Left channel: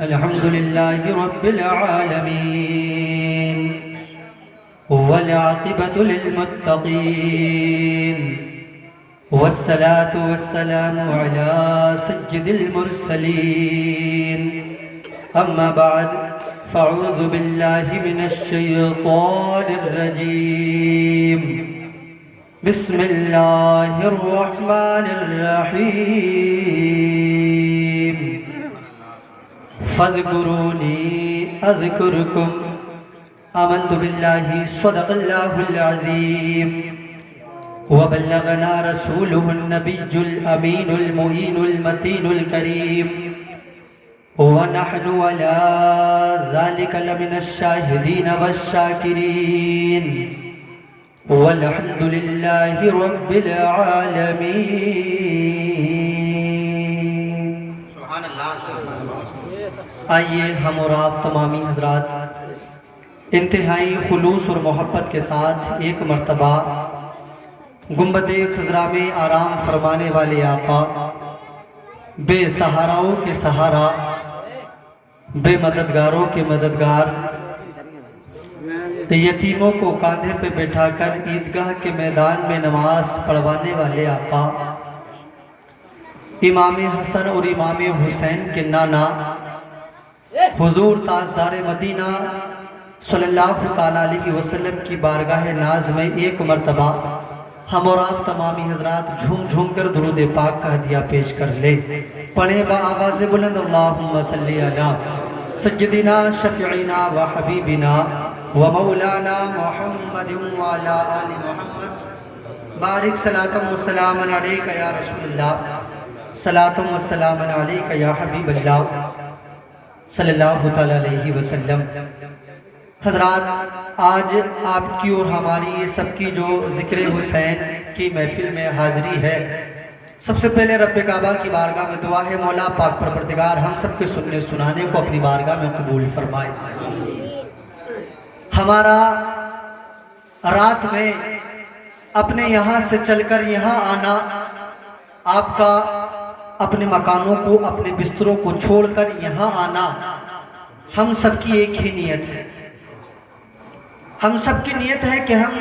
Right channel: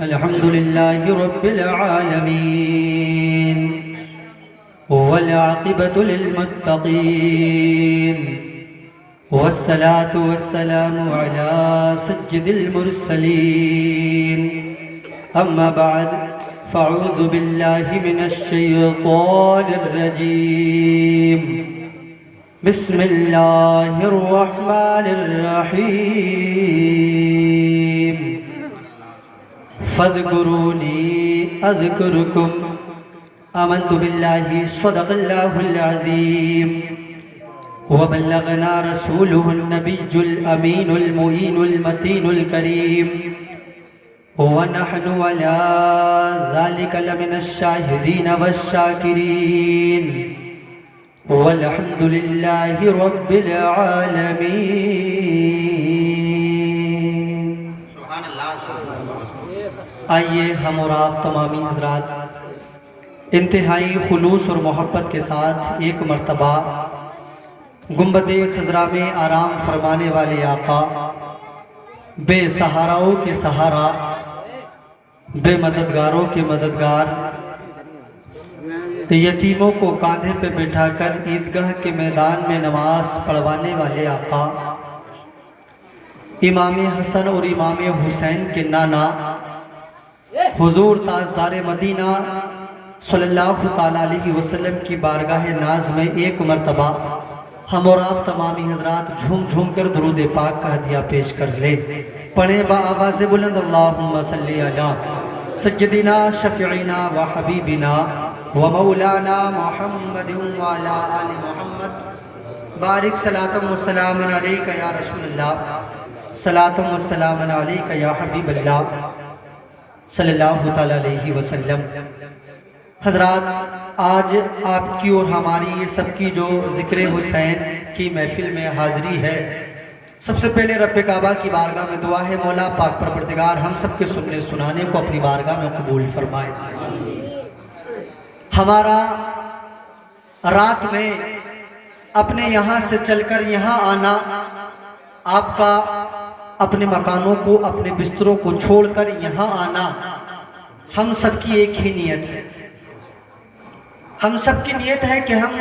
الحمد لله رب العالمين والعاقبة للمتقين والصلاة والسلام على سيد المرسلين أما بعد فأعوذ بالله من الشيطان الرجيم بسم الله الرحمن الرحيم فاذكروني أذكركم آمنت بالله صدق الله العظيم وبلغنا رسوله النبي الأمين المؤين المتين الكريم ونحن على ذلك لمن الشاهدين والشاكرين والحمد لله رب العالمين. آئیے ہم اور آپ تمامی حضرات انتہائی خلوص اور محبت کے ساتھ ایک مرتبہ گنبد خضرا میں آرام فرمانے والے آقا، بے سہاراؤں کے سہارا، بے مددگاروں کے مددگار، یتیموں کو کاندھے پہ بٹھا کر عیدگاہ کے میدان میں نماز پڑھوانے والے آقا، امام حسن اور امام حسین کے نانا حضور تاجدار مدینہ صلی اللہ علیہ وسلم کی بارگاہ ناز میں ایک مرتبہ ہم اور آپ تمامی حضرات جھوم جھوم کر درود پاک کا ہدیہ پیش کر لے. پڑھیں با آواز بلند اللہم صلی علی سیدنا شفیعنا و حبیبنا و مولانا محمد وعلا آل محمد. بارک صلاۃ و سلام علیکہ یا رسول اللہ، صلاۃ و سلام علیکہ یا حبیب اللہ صلی اللہ علیہ وسلم. حضرات، آج آپ کی اور ہماری یہ سب کی جو ذکر حسین کی محفل میں حاضری ہے، سب سے پہلے رب کعبہ کی بارگاہ میں دعا ہے مولا پاک پروردگار ہم سب کے سننے سنانے کو اپنی بارگاہ میں قبول فرمائے. ہمارا رات میں اپنے یہاں سے چل کر یہاں آنا، آپ کا اپنے مکانوں کو، اپنے بستروں کو چھوڑ کر یہاں آنا، ہم سب کی ایک ہی نیت ہے. ہم سب کی نیت ہے کہ ہم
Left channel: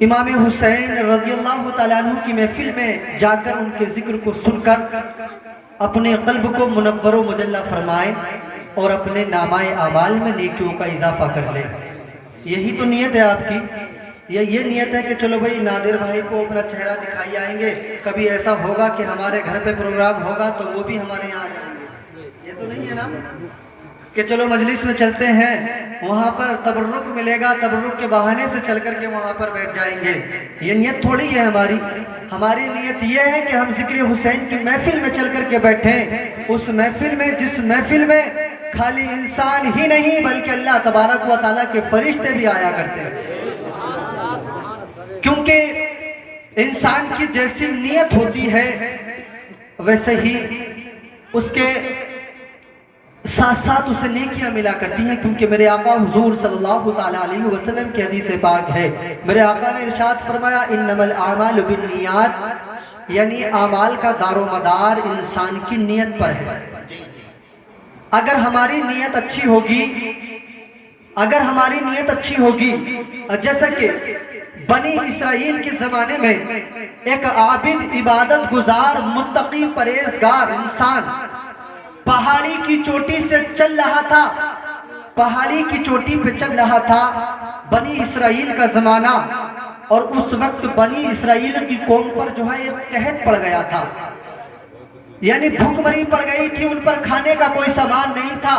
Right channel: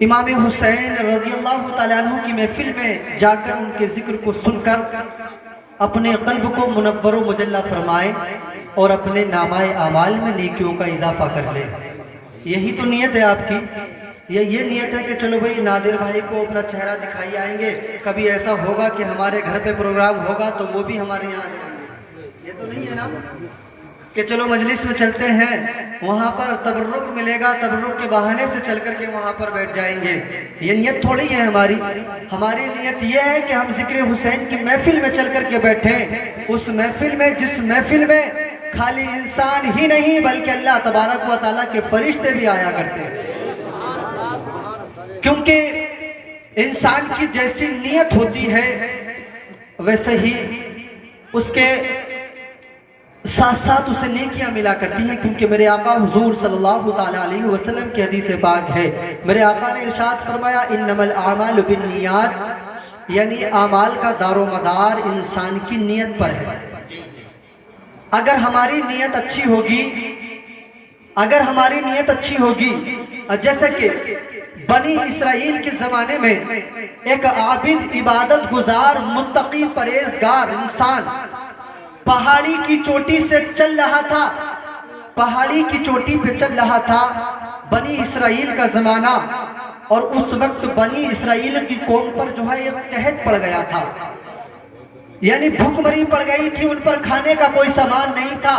امام حسین رضی اللہ تعالیٰ عنہ کی محفل میں جا کر ان کے ذکر کو سن کر اپنے قلب کو منور و مجلہ فرمائیں اور اپنے نامہ اعمال میں نیکیوں کا اضافہ کر لیں. یہی تو نیت ہے آپ کی. یہ نیت ہے کہ چلو بھئی نادر بھائی کو اپنا چہرہ دکھائی آئیں گے، کبھی ایسا ہوگا کہ ہمارے گھر پہ پروگرام ہوگا تو وہ بھی ہمارے یہاں آئیں گے. یہ تو نہیں ہے نا کہ چلو مجلس میں چلتے ہیں، وہاں پر تبرک ملے گا، تبرک کے بہانے سے چل کر کے وہاں پر بیٹھ جائیں گے. یہ نیت تھوڑی ہے ہماری. ہماری نیت یہ ہے کہ ہم ذکر حسین کی محفل میں چل کر کے بیٹھیں، اس محفل میں جس محفل میں خالی انسان ہی نہیں بلکہ اللہ تبارک و تعالیٰ کے فرشتے بھی آیا کرتے ہیں. کیونکہ انسان کی جیسی نیت ہوتی ہے ویسے ہی اس کے ساتھ ساتھ اسے نیکیاں ملا کرتی ہیں. کیونکہ میرے آقا حضور صلی اللہ علیہ وسلم کی حدیث پاک ہے، میرے آقا نے ارشاد فرمایا انما الاعمال بالنیات، یعنی اعمال کا دار و مدار انسان کی نیت پر ہے. اگر ہماری نیت اچھی ہوگی، اگر ہماری نیت اچھی ہوگی، جیسا کہ بنی اسرائیل کے زمانے میں ایک عابد، عبادت گزار، متقی، پرہیزگار انسان پہاڑی کی چوٹی سے چل رہا تھا، پہاڑی کی چوٹی پہ چل رہا تھا. بنی اسرائیل کا زمانہ، اور اس وقت بنی اسرائیل کی قوم پر جو ہے ایک قحط پڑ گیا تھا، یعنی بھوک مری پڑ گئی تھی، ان پر کھانے کا کوئی سامان نہیں تھا.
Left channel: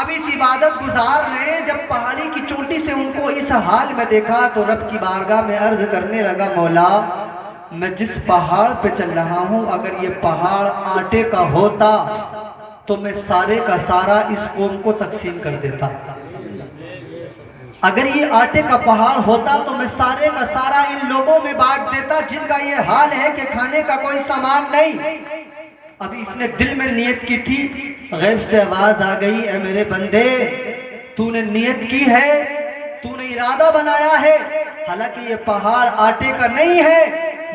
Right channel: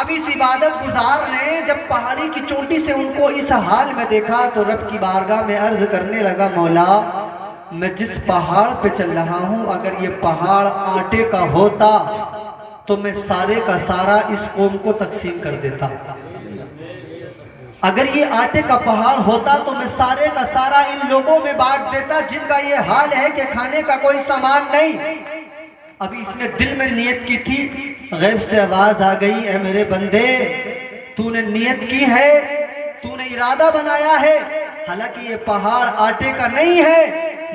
اب اس عبادت گزار نے جب پہاڑی کی چوٹی سے ان کو اس حال میں دیکھا تو رب کی بارگاہ میں عرض کرنے لگا مولا میں جس پہاڑ پہ چل رہا ہوں اگر یہ پہاڑ آٹے کا ہوتا تو میں سارے کا سارا اس قوم کو تقسیم کر دیتا. اگر یہ آٹے کا پہاڑ ہوتا تو میں سارے کا سارا ان لوگوں میں بانٹ دیتا جن کا یہ حال ہے کہ کھانے کا کوئی سامان نہیں. ابھی اس نے دل میں نیت کی تھی، غیب سے آواز آ گئی اے میرے بندے تو نے نیت کی ہے، تو نے ارادہ بنایا ہے، حالانکہ یہ پہاڑ آٹے کا نہیں ہے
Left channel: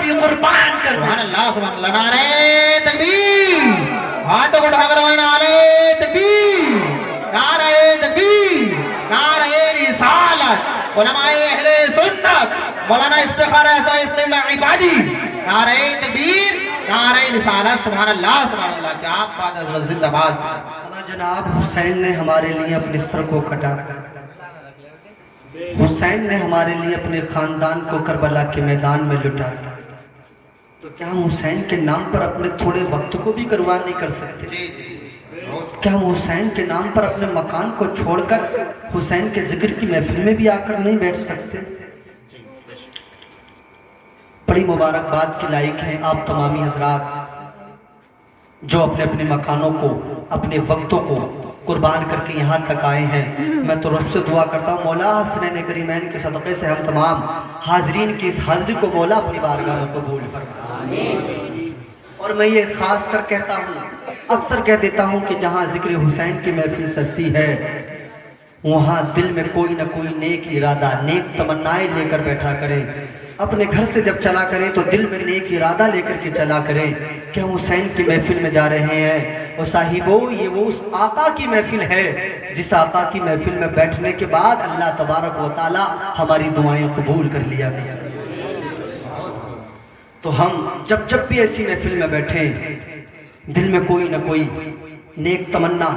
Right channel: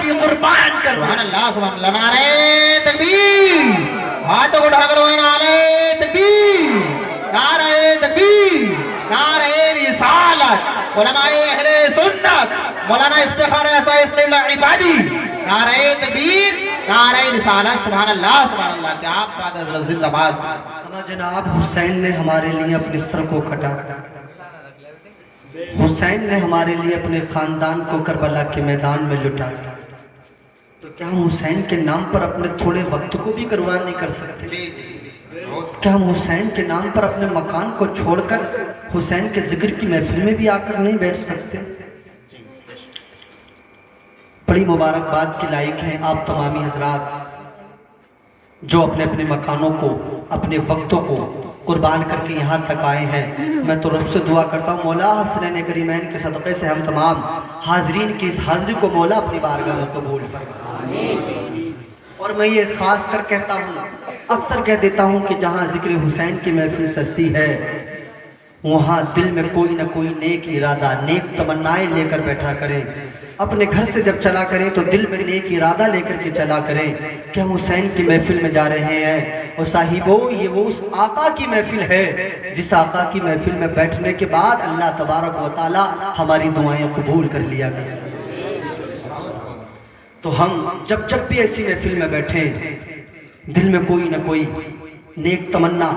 بھی قربان کر دیں۔ سبحان اللہ سبحان اللہ، نعرہ تکبیر، ہاتھوں کو اٹھا کر بولیں نعرہ تکبیر، نعرہ تکبیر، نعرہ رسالت، علماء اہل سنت مولانا افتخار صاحب قبلہ عبادی، نعرہ تکبیر، نعرہ رسالت، سبحان اللہ سبحان اللہ، کیا بات ہے حضرت، زندہ باد۔ جناب حسین نے ہمارے لیے اپنے سر کو کٹا، حسین نے ہمارے لیے اپنے خاندان کو کربلا کے میدان میں لٹا، تو کیا ہم حسین کے نام پر اپنے تھوڑے وقت کو بھی قربان نہیں کر سکتے؟ کیا ہم حسین کے نام پر اپنے مکان کو چھوڑ کر حسین کے ذکر کی محفل میں بھی آ کر نہیں بیٹھ سکتے؟ بڑی مبارکباد کے لائق ہیں آپ تمامی حضرات جو اپنے اپنے مکانوں کو، اپنے وقتوں کو قربان کر کے یہاں تک آئے ہیں۔ میں تو رب سے دعا کرتا ہوں مولا حسنین کریمین کے صدقے سے ہم تمام حاضرین کی اس حاضری کو مولا اپنی بارگاہ میں قبول فرما۔ اور میں یہ خاص کر کہتا ہوں، اکثر کہہ دیتا ہوں کہ جہاں ذکر حسین کی محفل سجتی ہے وہاں دل میں کوئی نہ کوئی نیک ارادہ، نیک تمنائیں لے کر بیٹھا کریں۔ اپنے گھر سے جب چلا کریں تو دل میں نیک ارادہ لے کر کے چلا کریں کہ ہم حسین کی محفل میں جا رہے ہیں، اور صاحبو یہ وہ اس آقا کی محفل ہے جس آقا کی محفل میں بیٹھنے کے بعد اللہ تبارک و تعالی ہماری دعائیں قبول کر لیا گیا۔ تو ہم جب بھی ایسی محفل میں بیٹھیں دل میں کوئی نہ کوئی نیک تمنا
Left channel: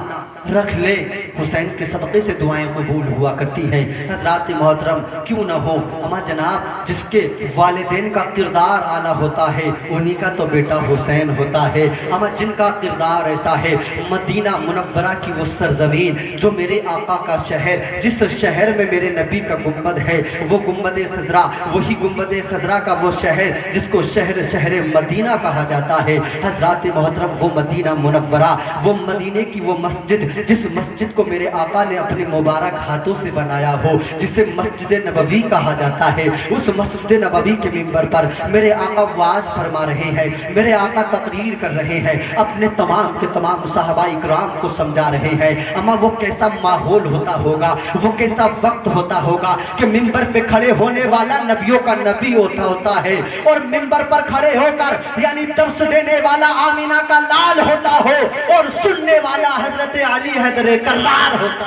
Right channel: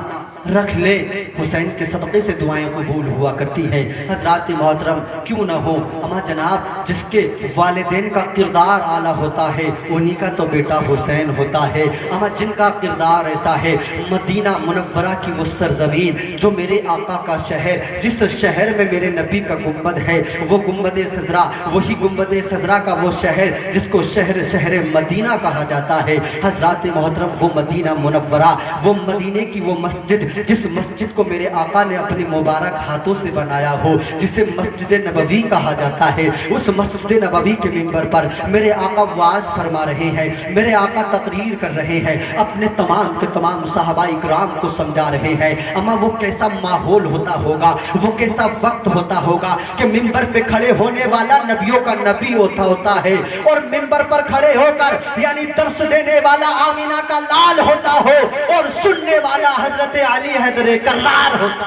رکھ لے، حسین کے صدقے سے دعائیں قبول ہوا کرتی ہیں۔ حضرات محترم کیوں نہ ہو، اما جناب جس کے والدین کا کردار اعلیٰ ہوتا ہے انہی کا تو بیٹا حسین ہوتا ہے۔ اما جن کا کردار ایسا ہے، مدینہ منورہ کی وہ سرزمین جو میرے آقا کا شہر، جس شہر میں میرے نبی کا گنبد ہے، وہ گنبد خضرا، وہی گنبد خضرا کا وہ شہر جس کو شہر مدینہ کہا جاتا ہے۔ حضرات محترم وہ مدینہ منورہ، وہ مدینے کی وہ مسجد جس مسجد کو میرے آقا نے اپنے مبارک ہاتھوں سے بنایا ہو، جسے مسجد نبوی کہا جاتا ہے، اس مسجد نبوی کے منبر پر میرے آقا وعظ فرما رہے ہیں، میرے آقا تقریر کر رہے ہیں، اپنے تمام کے تمام صحابہ اکرام کو سمجھا رہے ہیں۔ اما وہ کیسا ماحول ہوتا ہوگا، وہ کیسا وقت ہوتا ہوگا کہ منبر پہ کھڑے ہونے والا نبیوں کا نبی ہوتا ہے، اور منبر پر کھڑے ہو کر یعنی درس دینے والا آمینہ کا لال ہوتا ہو، اور سننے والا حضرت علی حیدر کرار ہوتا۔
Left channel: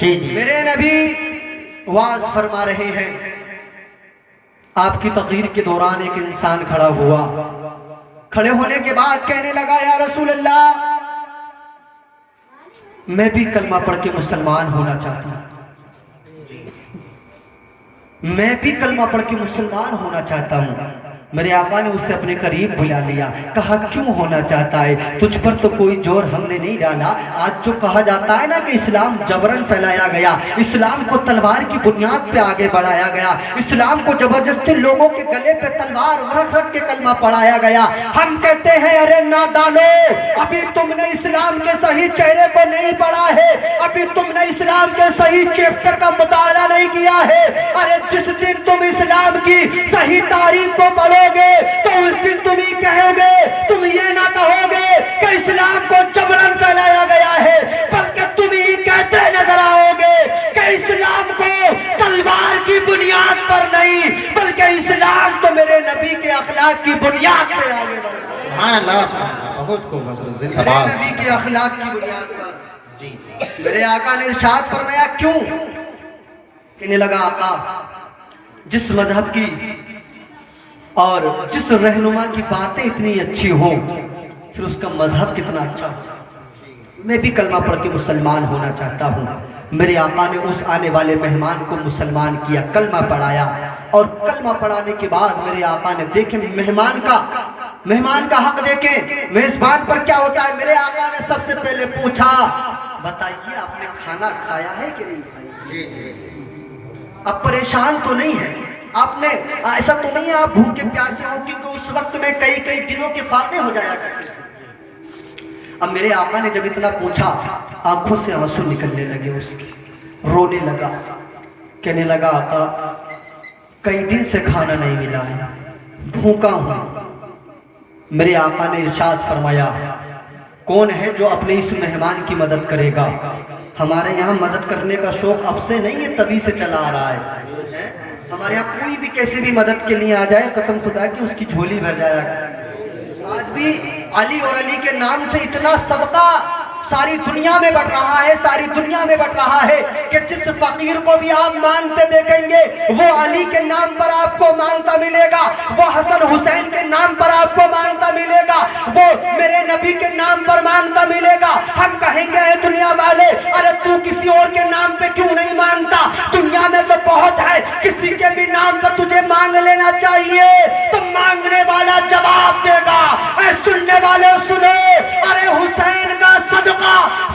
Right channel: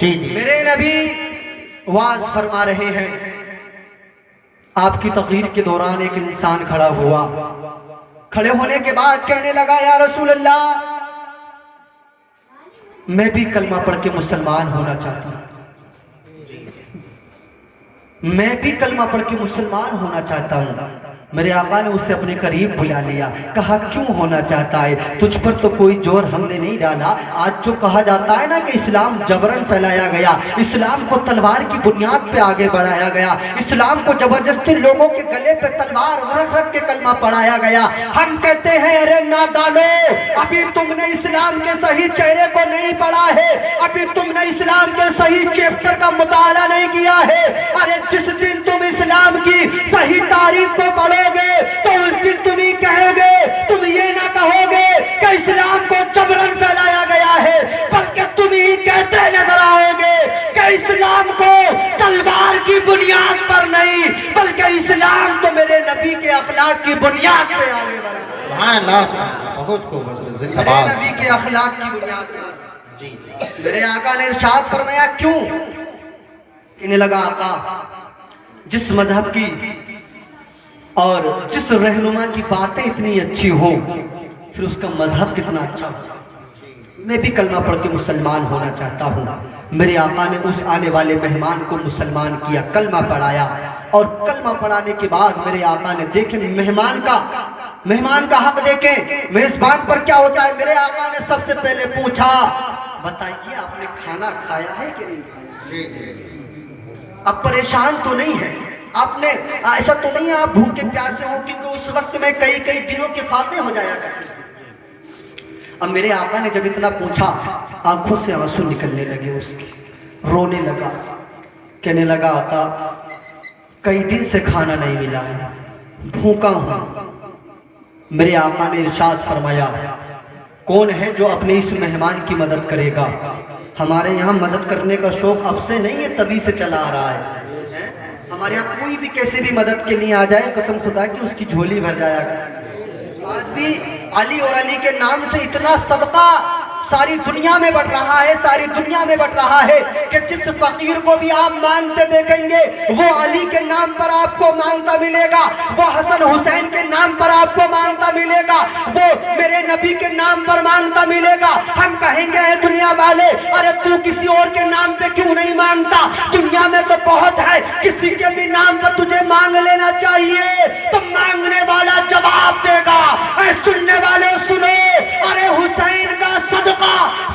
جی میرے نبی واز فرما رہے ہیں، آپ کی تقریر کے دوران ایک انسان کھڑا ہوا، کھڑے ہونے کے بعد کہنے لگا یا رسول اللہ میں بھی کلمہ پڑھ کے مسلمان ہونا چاہتا ہوں، میں بھی کلمہ پڑھ کے مسلمان ہونا چاہتا ہوں۔ میرے آقا نے اسے اپنے قریب بلا لیا، کہا کیوں ہونا چاہتا ہے؟ تجھ پر تو کوئی زور ہم نے نہیں ڈالا، آج جو کہا جاتا ہے نا کہ اسلام جبرن پھیلایا گیا، اسلام کو تلوار کی بنیاد پہ آگے بڑھایا گیا، اسلام کو زبردستی لوگوں کے گلے پہ تلوار رکھ کے کلمہ پڑھایا گیا۔ ہم کہتے ہیں ارے نادانو، ابھی تم نے اسلام کے صحیح چہرے کو نہیں پڑھا ہے، ابھی تم نے اسلام کے صحیح چیپٹر کا مطالعہ نہیں کیا ہے۔ ارے جس دن تم اسلام کی صحیح تاریخ کو پڑھو گے تو اس دن تم ہی کہو گے، تم یہ نہ کہو گے کہ اسلام کو جبرن پھیلایا گیا ہے، بلکہ تم ہی کہتے نظر آؤ گے کہ اسلام کو تلوار کی بنیاد پر نہیں بلکہ اسلام تو میرے نبی کے اخلاق کی بنیاد پہ آگے بڑھا۔ سبحان اللہ بہت خوب، زندہ میرے باد۔ نبی کے اخلاق کی بنیاد پر میرے آقا نے ارشاد فرمایا کیوں؟ کہنے لگا آقا جس مذہب کی اور جس رہنما کی باتیں اتنی اچھی ہوں پھر اس کا مذہب کتنا اچھا ہو۔ میں بھی کلمہ پڑھ کے مسلمان ہونا چاہتا ہوں۔ میرے آقا نے اس آنے والے مہمان کو مسلمان کیا، کلمہ پڑھایا، اور کلمہ پڑھانے کے بعد میرے آقا نے دیکھیں مہمان کا حق دیکھیں، میزبان پر کیا ہوتا ہے۔ میرے آقا نے سب سے پہلے پوچھا بتائیے آپ نے کھانا کھایا ہے کہ نہیں کھایا؟ اب پریشان تو نہیں ہے آپ نے، ایسا تو نہیں ہے آپ بھوکے پیاسے ہو، کیونکہ اس وقت میں کئی دنوں کے فاتح ہو جایا کرتے تھے۔ اب میرے آقا نے جب اتنا پوچھا آنکھوں سے آنسو نکلنے لگے، اس کے رونے لگا، کہنے لگا آقا کئی دن سے کھانا نہیں ملا ہے، بھوکا ہوں۔ میرے آقا نے ارشاد فرمایا کون ہے جو اپنے اس مہمان کی مدد کرے گا؟ ہمارے یہاں مدد کرنے کا شوق اب سے نہیں ہے، تبھی سے چلا آ رہا ہے۔ ہمارے یہاں کوئی بھی کیسے بھی مدد کے لیے آ جائے قسم خدا کی اس کی جھولی بھر جایا کرتی۔ آج بھی علی اور علی کے نام سے اتنا صدقہ ساری دنیا میں بٹ رہا ہے، ساری دنیا میں بٹ رہا ہے کہ جس فقیر کو بھی آپ مانگتے دیکھیں گے وہ علی کے نام پر آپ کو مانگتا ملے گا، وہ حسن حسین کے نام پر آپ کو مانگتا ملے گا، وہ میرے نبی کے نام پر مانگتا ملے گا۔ ہم کہیں گے اے دنیا والے ارے تو کسی اور کے نام پہ کیوں نہیں مانگتا؟ دنیا میں تو بہت ہے، کسی کے بھی نام پر تجھے مانگ لینا چاہیے۔ تو مانگنے والا جواب دے گا، اے سننے والے سنو، ارے حسین کا صدقہ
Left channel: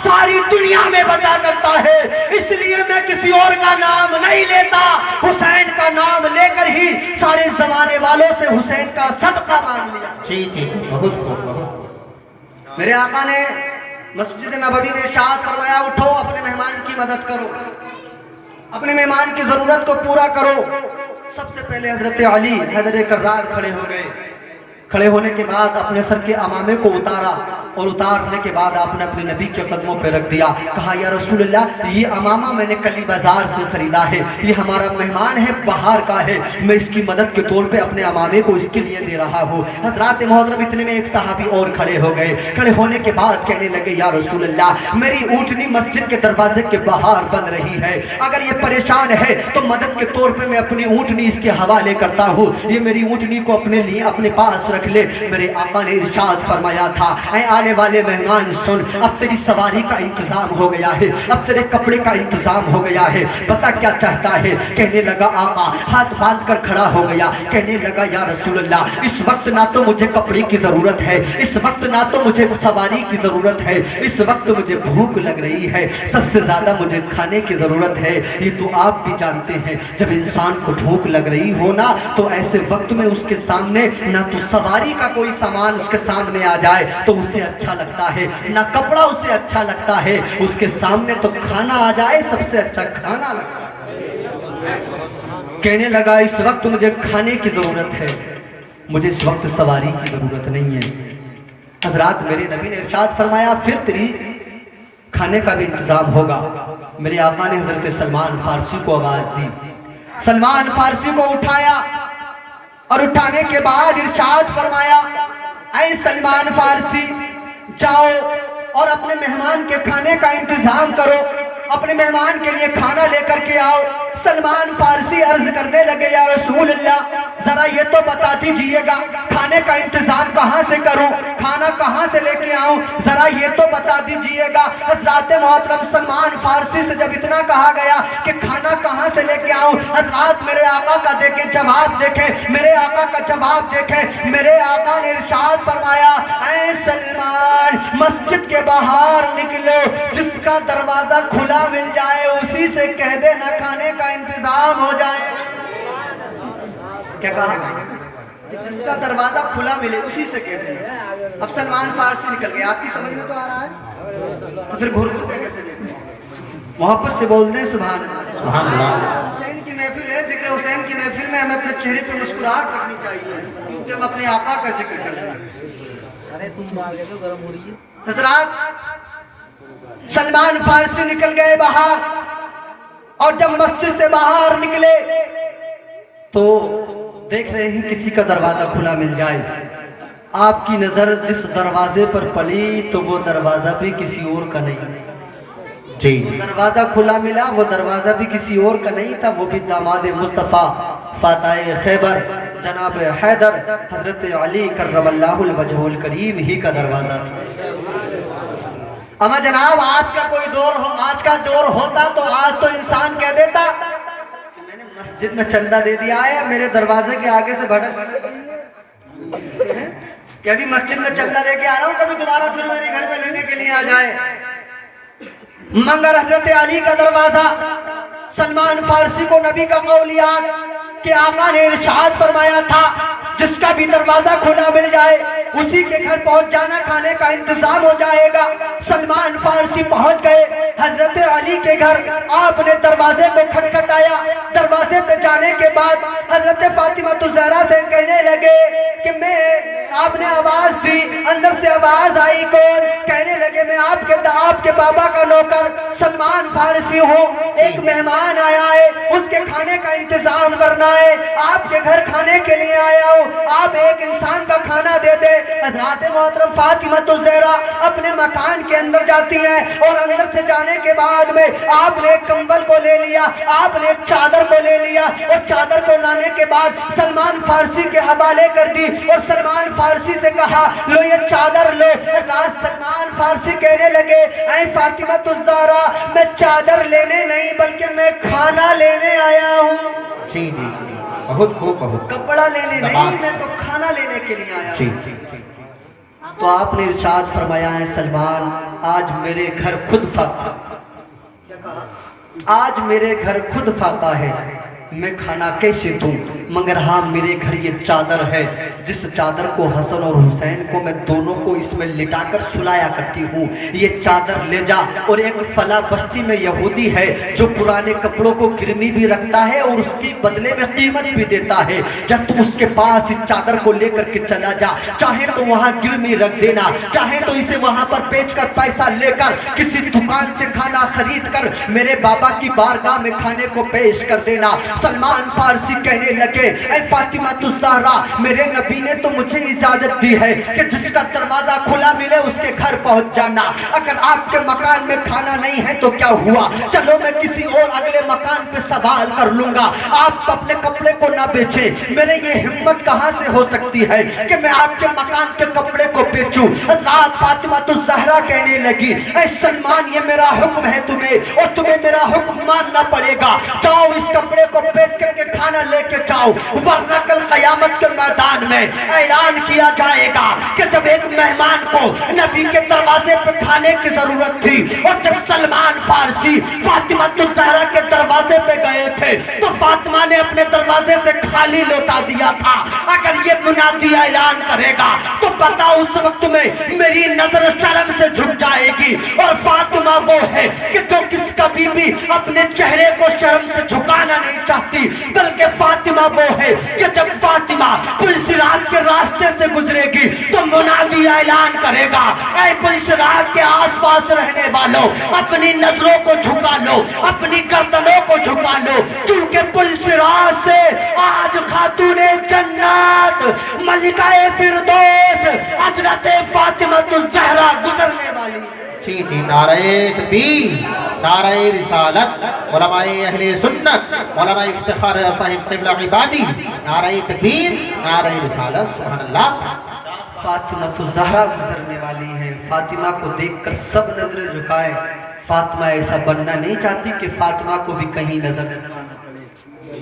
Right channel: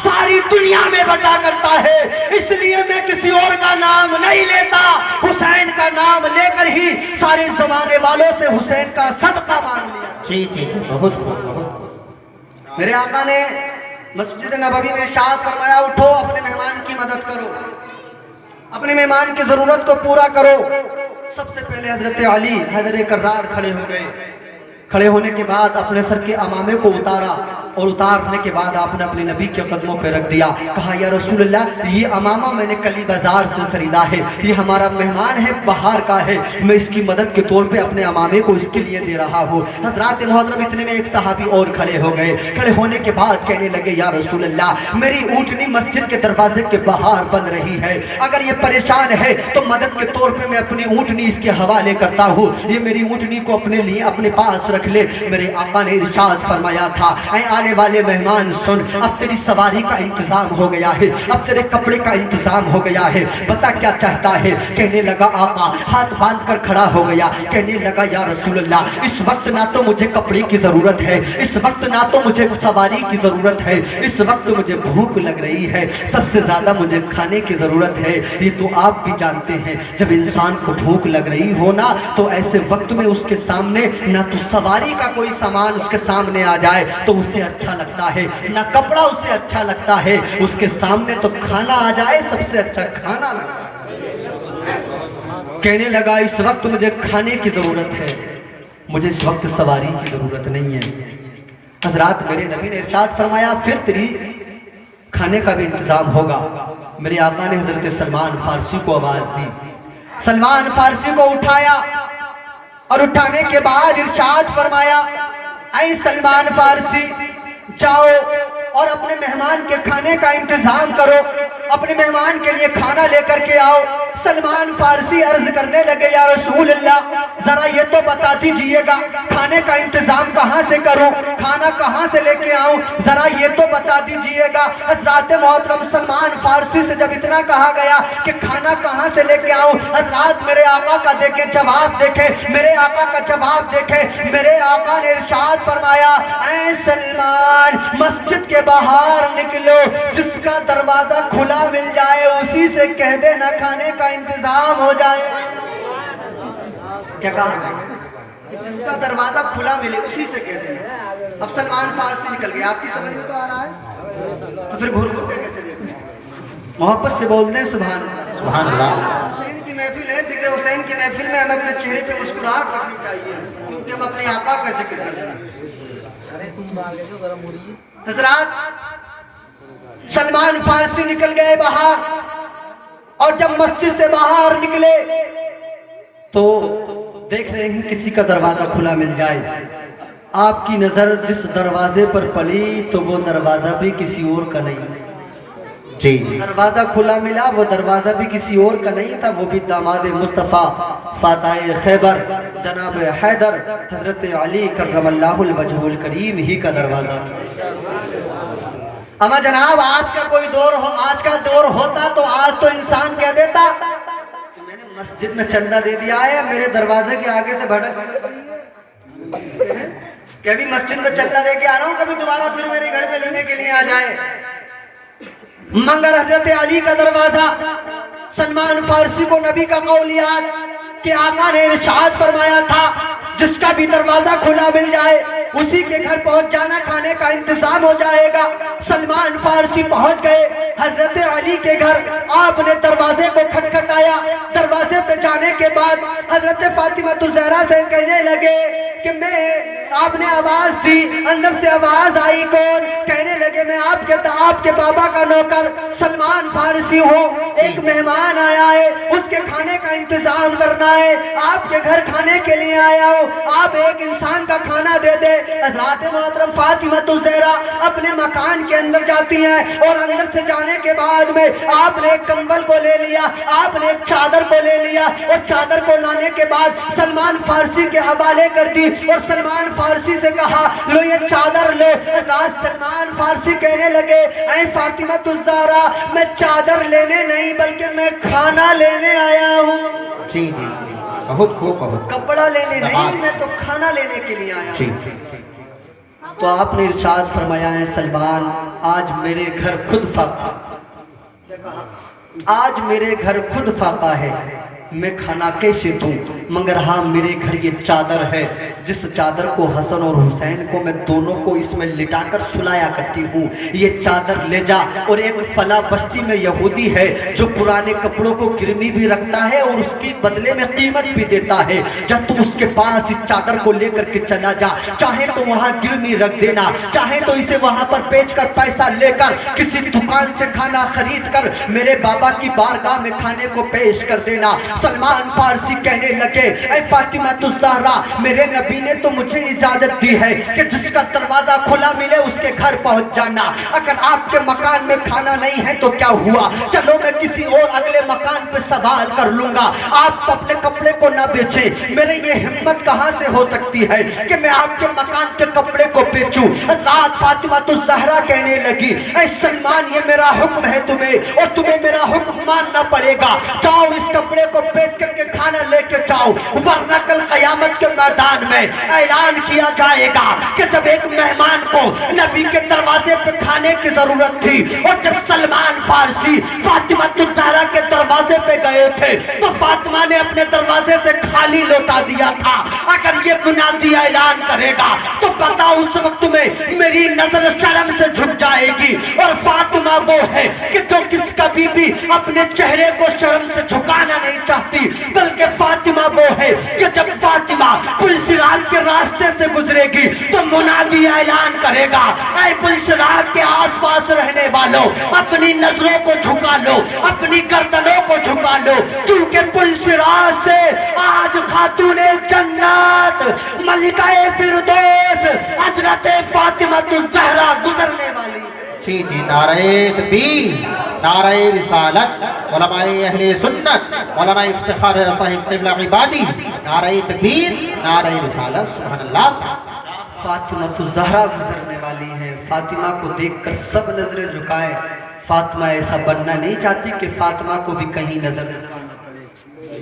ساری دنیا میں بٹا کرتا ہے، اس لیے میں کسی اور کا نام نہیں لیتا، حسین کا نام لے کر ہی سارے زمانے والوں سے حسین کا صدقہ مانگ لیا۔ ٹھیک بہت بہت میرے آقا نے مسجد نبوی میں ارشاد فرمایا اٹھو اپنے مہمان کی مدد کرو، اپنے مہمان کی ضرورت کو پورا کرو۔ سب سے پہلے حضرت علی حیدر کرار کھڑے ہو گئے، کھڑے ہونے کے بعد اپنے سر کے امامے کو اتارا اور اتارنے کے بعد آپ نے اپنے نبی کے قدموں پہ رکھ دیا، کہا یا رسول اللہ یہ امامہ میں نے کلی بازار سے خریدا ہے، یہ ہمارا مہمان ہے، بہار کا ہے، میں اس کی مدد کے طور پہ اپنے امامے کو اس کے لیے دے رہا ہوں۔ حضرات محترم اتنے میں ایک صحابی اور کھڑے ہو گئے، کھڑے ہونے کے بعد کہنے لگے یا رسول اللہ میری اونٹنی مسجد کے دروازے کے باہر بن رہی ہے، اگر یہ پریشان ہے تو مدد کے طور پہ میں اپنی اونٹنی اس کے حوالے کرتا ہوں، یہ میری اونٹنی کو اپنے لیے اپنے پاس رکھ لے۔ میرے آقا نے ارشاد فرمایا تھا اے آنے والے مہمان سن، اب تیری سواری کا انتظام ہو گیا ہے، اب تیرے کپڑے کا انتظام ہو گیا ہے، پتہ کیا چاہتا ہے؟ کہنے لگا آقا، ہاتھ باندھ کر کھڑا ہو گیا، کہنے لگا یا رسول اللہ اس وقت نہ تو مجھے کپڑے کی ضرورت ہے، اس وقت نہ تو مجھے سواری کی ضرورت ہے، اس وقت مجھے بھوک لگ رہی ہے، سب سے زیادہ مجھے کھانے کی ضرورت ہے۔ یہ تو آپ بھی جانتے ہیں جب انسان کو بھوک لگ رہی ہو نا تو ایسے وقت میں اس کے سامنے نہ تو سواری کا کوئی سامان اس کے سامنے آ جائے تو اسے اچھا لگتا ہے، نہ کپڑا اسے اچھا لگتا ہے، اس کے سامنے تو کھانا آ جائے سب سے اچھا کھانا لگتا ہے۔ کہنے لگا اس وقت مجھے کھانے کی ضرورت ہے، مجھے اس وقت سواری کی ضرورت نہیں ہے۔ حضرات میرے نبی نے ارشاد فرمایا پھر تیری کھانے کا بھی انتظام ہوگا۔ میرے آقا نے حضرت سلمان فارسی کو آواز دی، سلمان فارسی کو اٹھایا اور اٹھانے کے بعد ارشاد فرمایا اے سلمان فارسی جاؤ اور اپنے مہمان کے کھانے کا انتظام کرو، اپنے مہمان کے لیے کھانا لے کر کے آؤ۔ سلمان فارسی عرض کرنے لگے یا رسول اللہ ذرا یہ تو بتا دیجئے گا کھانے کا انتظام کہاں سے کروں، کھانا کہاں سے لے کے آؤں، ذرا یہ تو بتا دیجئے گا۔ حضرات محترم سلمان فارسی سے جب اتنا کہا گیا کہ کھانا کہاں سے لے کے آؤں، حضرات میرے آقا کا دیکھیں جواب دیکھیں، میرے آقا کا جواب دیکھیں۔ میرے آقا نے ارشاد فرمایا اے سلمان مسجد کے باہر نکلو، جس کا دروازہ کھلا مل جائے اسی سے کہہ دینا کھانے کا انتظام ہو جائے۔ کیا کہا؟ کہ جس کا دروازہ کھلا ملے اسی سے کہہ دینا۔ اب سلمان فارسی نکل گیا، آپ کی سمجھ میں تو آ رہا ہے؟ تو پھر گھر کو کیسے دیکھیں؟ محبت سے بول دیں سبحان اللہ۔ سبحان اللہ۔ حسین کی محفل ہے، ذکر حسین کی محفل میں ہمیں اپنے چہرے پہ مسکراہٹ رکھنی چاہیے کیونکہ ہم اپنے آقا کا ذکر کرتے ہیں۔ حضرات سلمان فارسی نکل گئے باہر اور جب مسجد سے باہر نکلے تو دیکھ رہے ہیں کسی کا دروازہ کھلا مل جائے۔ آپ کی نظر جس دروازے پر پڑی تو وہ دروازہ بھی کسی اور کا نہیں، جی دروازہ کھلا ملا، وہ دروازہ بھی کسی اور کا نہیں تھا، وہ بھی داماد مصطفیٰ فاتح خیبر جناب حیدر حضرت علی کرم اللہ الوجہ الکریم ہی کا دروازہ تھا۔ اما جناب آج کا دور ہوتا تو آج تو انسان کہہ دیتا کہ میں نے مسجد میں چندہ دے دیا ہے، میرے دروازے کے آگے سے بھٹک کہ ابھی مسجد میں چندہ دے کے آ رہا ہوں، کبھی دوبارہ پھر میرے گھر میں لینے کے لیے آ جائے۔ مگر حضرت علی کا دروازہ، سلمان فارسی کو نبی کا قول یاد کہ آقا نے ارشاد فرمایا تھا جس کا بھی دروازہ کھلا مل جائے اسی کے گھر پہنچ جانا، کھانے کا انتظام ہو جائے گا۔ سلمان فارسی پہنچ گئے حضرت علی کے گھر، آپ نے دروازے کو کھٹکھٹایا، دروازے پہ جانے کے بعد حضرت فاطمہ الزہرا سے کہنے لگے کہ آپ نے آواز دی، اندر سے آواز آئی کون؟ کہنے لگے میں آپ کے بابا کا نوکر سلمان فارسی ہوں، ایک مہمان آیا ہے، اس کے کھانے کا انتظام کرنا ہے، آپ کے گھر کھانے کے لیے آیا ہوں، آپ ایک انسان کا کھانا دے دے۔ حضرات محترم فاطمہ الزہرا اپنے مکان کے اندر جاتی ہیں اور اندر سے جانے کے بعد میں آپ نے ایک کمبل کو لے لیا، آپ نے ایک چادر کو لے لیا اور چادر کو لانے کے بعد سلمان فارسی کے حوالے کر دی اور سلمان فارسی سے کہا لو یہ چادر لو۔ حضرات سلمان فارسی کہنے لگے اے فاطمہ الزہرا میں چادر لینے نہیں بلکہ میں کھانا لینے آیا ہوں، جی جی جی بہت خوب بہت کپڑا لینے نہیں، میں تو کھانا لینے کے لیے آیا جی ہوں۔ تو آپ نے ارشاد فرمایا ہے سلمان آج میرے گھر خود فاقہ، کیا کہا؟ آج میرے گھر خود فاقہ ہے، میں کھانا کیسے دوں، مگر ہاں میرے گھر یہ چادر ہے جس چادر کو حسن اور حسین کو میں دونوں کو اس میں لٹا کر سلایا کرتی ہوں، یہ چادر لے جا۔ اور ایک فلاں بستی میں یہودی ہے جو پرانے کپڑوں کو گرمی بھی رکھتا ہے اور اس کی بدلے میں قیمت بھی دیتا ہے، جب تم اس کے پاس اس چادر کو لے کر کے چلا جا، چاہے تو وہاں گرمی رکھ دینا، چاہے تو اسے وہاں پر بیچ کر پیسہ لے کر کسی دکان سے کھانا خرید کر میرے بابا کی بارگاہ میں کھانے کو پیش کر دینا۔ سلمان فارسی کہنے لگے اے فاطمہ الزہرا میرے نبی نے تو مجھے اجازت دی ہے کہ جس کا دروازہ کھلا ملے اس کے گھر پہنچ جانا، اگر آپ کے مکان میں کھانا نہیں ہے تو کیا ہوا، چلو میں کسی اور اگلے مکان پہ سوال کر لوں گا، آپ اپنے کپڑے کو نہ بیچیں، میرے یہ ہمت کہاں سے ہو سکتی ہے کہ میں آپ کے مکان کے کپڑے کو بیچوں۔ حضرات فاطمہ الزہرا کہنے لگی اے سلمان یہ میرا حکم ہے تمہیں اور تمہیں میرا حکم ماننا پڑے گا، جاؤ اس کپڑے کو بیچ کر کے کھانا لے کے جاؤ، ورنہ کل قیامت کے میدان میں اعلان کیا جائے گا کہ جب ایک مہمان کو نبی کے دروازے پہ کھانے کی ضرورت تھی اور جب سلمان فارسی فاطمہ الزہرا کے دروازے پہ گئے تھے تو فاطمہ نے اپنے دروازے سے خالی لوٹا دیا تھا، اگر یہ منادی اعلان کرے گا تو پتا اس وقت میں میری نظر شرم سے جھک جائے گی، اور فاطمہ وہ ہے کہ جو کس کبھی بھی اپنے چہرے کو شرم سے جھکانا نہیں چاہتی، بلکہ فاطمہ وہ ہے کہ جب فاطمہ پل صراط کے راستے سے گزرے گی تو منادی اعلان کرے گا اے پل صراط کے آس پاس رہنے والوں اپنی نظروں کو جھکا لو، اپنی گردنوں کو جھکا لو، کیونکہ پل صراط سے آج خاتون جنت ملکہ فردوس حضرت فاطمہ الزہرا گزرنے والی ہے۔ جی جی نعرہ تکبیر، نعرہ رسالت، علماء اہل سنت، مولانا افتخار صاحب قبلہ عبادی، نعرہ تکبیر، نعرہ رسالت، سبحان اللہ۔ فاطمہ الزہرا گزرنے والی ہیں، فاطمہ کو دیکھ کر سب نظریں جھکائے، فاطمہ ایسا بننا نہیں چاہتی کہ فاطمہ کو بھی کہیں نظر جھکانا پڑے۔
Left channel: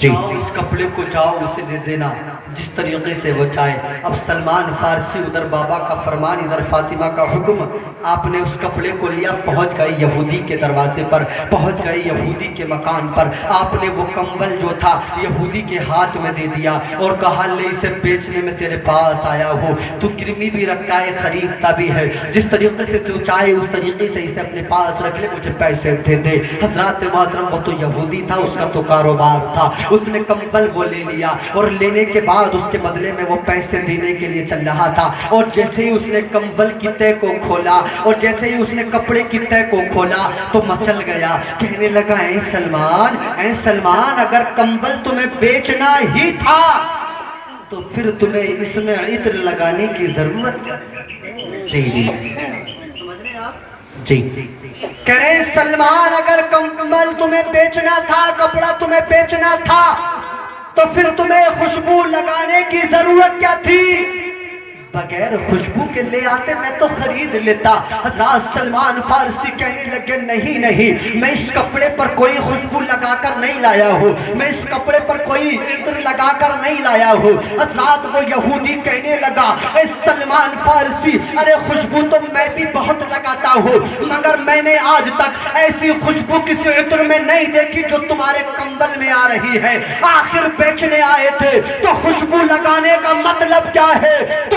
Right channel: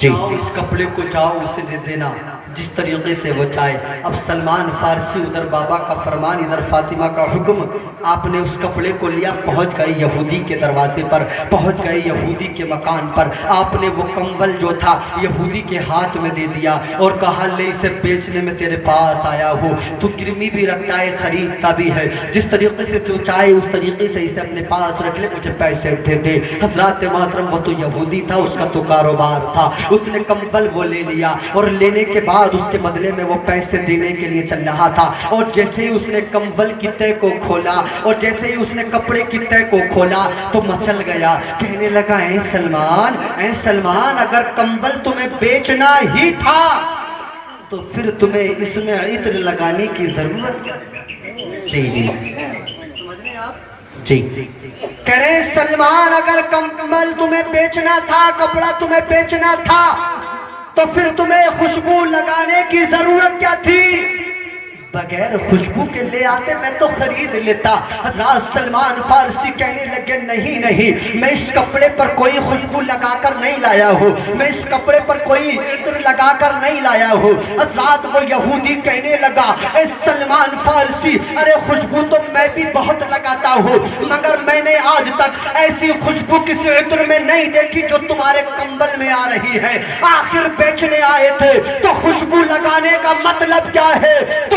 جاؤ اس کپڑے کو جاؤ اسے دے دینا جس طریقے سے وہ چاہے۔ اب سلمان فارسی ادھر بابا کا فرمان ادھر فاطمہ کا حکم، آپ نے اس کپڑے کو لیا، پہنچ گئے یہودی کے دروازے پر، پہنچ گئے یہودی کے مکان پر، آپ نے وہ کمبل جو تھا یہودی کے ہاتھ میں دے دیا اور کہا لے اسے بیچنے میں تیرے پاس آیا ہو، تو گرمی بھی رکھتا ہے خریدتا بھی ہے، جس طریقے سے تو چاہے اس طریقے سے اسے اپنے پاس رکھ لے، مجھے پیسے دے دے۔ حضرات محترم وہ تو یہودی تھا، اس کا تو کاروبار تھا، اس نے کمبل وہ لے لیا اور لینے کے بعد اس کے بدلے میں وہ پیسے دینے کے لیے چل رہا تھا، اور جیسے ہی اس نے کمبل کی تہ کو کھولا اور جیسے ہی اس نے کپڑے کی تہ کو کھولا تو مچل گیا، کہنے لگا اے سلمان اگر کمبل تمہیں بیچنا ہی تھا تو پھر تمہیں اس میں عطر لگانے کی ضرورت کیا؟ جی جی سمجھ رہے ہیں آپ؟ جی کہہ رہے ہیں سلمان اگر کمبل تمہیں بیچنا تھا، کپڑا تمہیں بیچنا تھا تو پھر تمہیں خوشبو لگانے کی ضرورت کیا تھی؟ بغیر خوشبو کے لے آتے میں تو خرید لیتا۔ حضرات سلمان فارسی کہنے لگے نہیں، میں اس کپڑے پر کوئی خوشبو لگا کر نہیں لایا ہوں، میں اس کپڑے پر کوئی عطر لگا کر نہیں لایا ہوں۔ حضرات وہ یہودی کہنے لگا اے سلمان فارسی ارے خوشبو تو میں بھی بہت لگاتا ہوں، مگر میں نے آج تک ایسی خوشبو کسی عطر میں نہیں دیکھی جو تمہارے کمبل میں آ رہی ہے، آخر بیچنے آئے تھے تو خوشبو لگانے کا مطلب کیا ہے؟ تو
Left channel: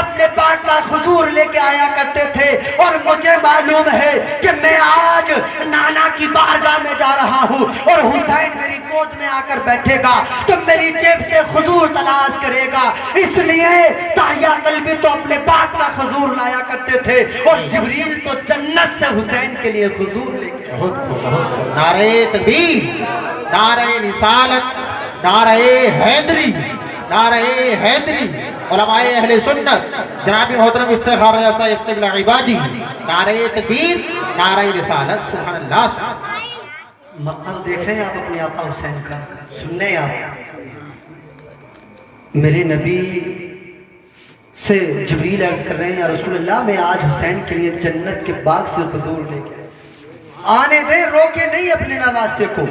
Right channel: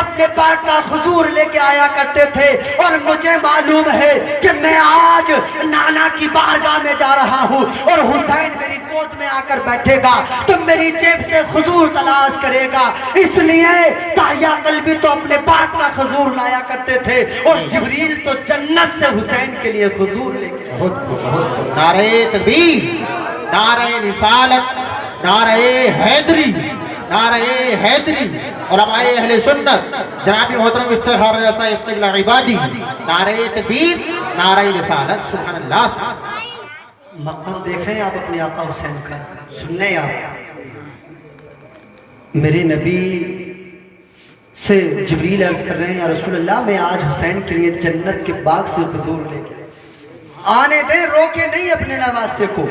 اپنے پاک کا حضور لے کے آیا کرتے تھے، اور مجھے معلوم ہے کہ میں آج نانا کی بارگاہ میں جا رہا ہوں اور حسین میری گود میں آ کر بیٹھے گا تو میری جیب سے حضور تلاش کرے گا، اس لیے تحیہ قلبی تو اپنے پاک کا حضور لایا کرتے تھے، اور جبریل تو جنت سے حسین کے لیے حضور لے کے نعرہ تکبیر، نعرہ رسالت، نعرہ حیدری، نعرہ حیدری، علماء اہل سنت جناب محترم افتخار رضا صاحب افتخار العبادی، نعرہ تکبیر، نعرہ رسالت، سبحان اللہ۔ مقام دیکھیں آپ اپنے آقا حسین کا، سنیں آپ میرے نبی سے جبریل عرض کر رہے ہیں یا رسول اللہ میں آج حسین کے لیے جنت کے باغ سے حضور لے کے آنے دیں، روکے نہیں اپنے نواسے کو۔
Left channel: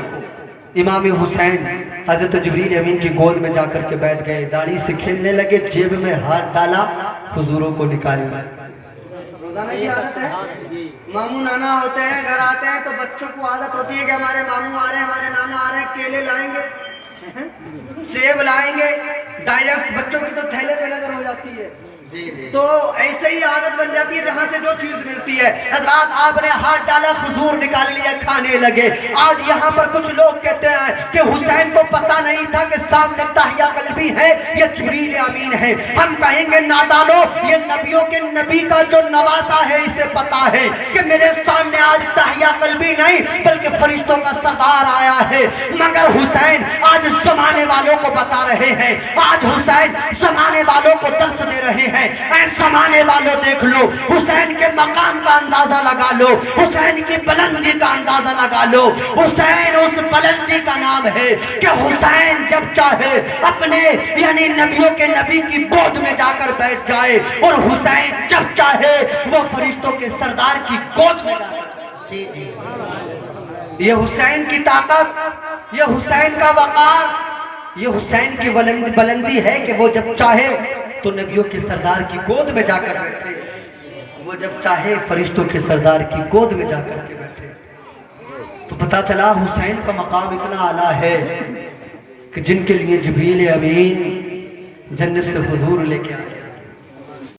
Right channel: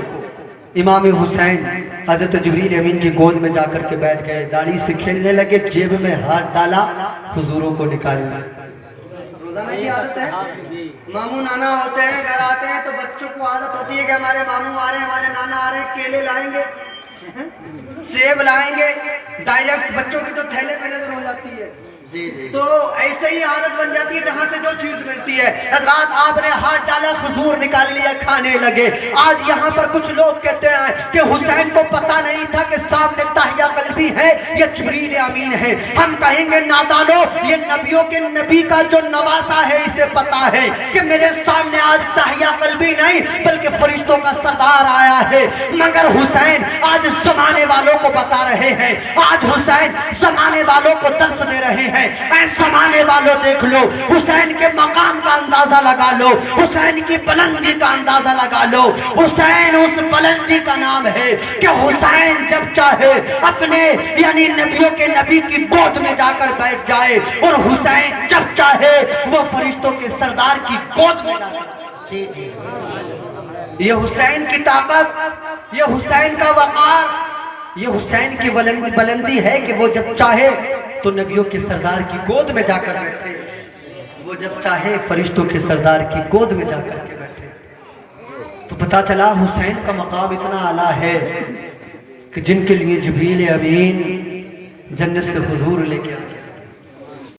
امام حسین حضرت جبریل امین کی گود میں جا کر کے بیٹھ گئے، داڑھی سے کھیلنے لگے، جیب میں ہاتھ ڈالا، حضوروں کو نکالی۔ روزانہ کی عادت ہے، ماموں نانا ہوتے ہیں، گھر آتے ہیں تو بچوں کو عادت ہوتی ہے کہ ہمارے ماموں آ رہے ہیں، ہمارے نانا آ رہے ہیں، کیلے لائیں گے، سیب لائیں گے، ڈائریکٹ بچوں کی تو تھیلے پہ نظر ہو جاتی ہے، تو ایسے ہی عادت بن جاتی ہے جہاں سے جو چیز ملتی ہے۔ حضرات آپ نے ہاتھ ڈالا، حضور نکال لیا، کھانے لگے۔ آج یہاں پر کچھ لوگ کہتے ہیں کہ حسین کو پتہ نہیں تھا کہ سامنے تحیہ قلبی ہے یا جبریل امین ہے۔ ہم کہیں گے نادانو، یہ نبیوں کے نبی کا جو نواسا ہے اسے پتا ہے کہ میرے سامنے آج تحیہ قلبی نہیں بلکہ فرشتوں کا سردار آیا ہے، مگر حسین آج زمانے والوں کو بتا رہے ہیں، آج حسین زمانے والوں کو درس دے رہے ہیں۔ اے زمانے والوں دیکھ لو، حسین کے مقام کا اندازہ لگا لو، حسین کی بلندی کا اندازہ لگا لو۔ حسین اس بلندی کا نام ہے کہ حسین جب چاہے اپنے یعنی نبیوں کے نبی کی گود میں جا کر بیٹھ جائے، اور حسین جب چاہے وہ فرشتوں کے سردار کی گود میں جا کر۔ یہ حسین کی طاقت، یہ حسین کا وقار، یہ حسین کی بلندی ہے کہ وہ جب چاہے تو نبیوں کے سردار کی گود میں جا کر بیٹھے، وہ جب چاہے فرشتوں کے سردار کی گود میں جا کر کے بیٹھے۔ تو پتا چلا حسین کا مقام اتنا اعلیٰ ہے کہ جن کے لیے جبریل امین جنت سے حضور لے کے آئے۔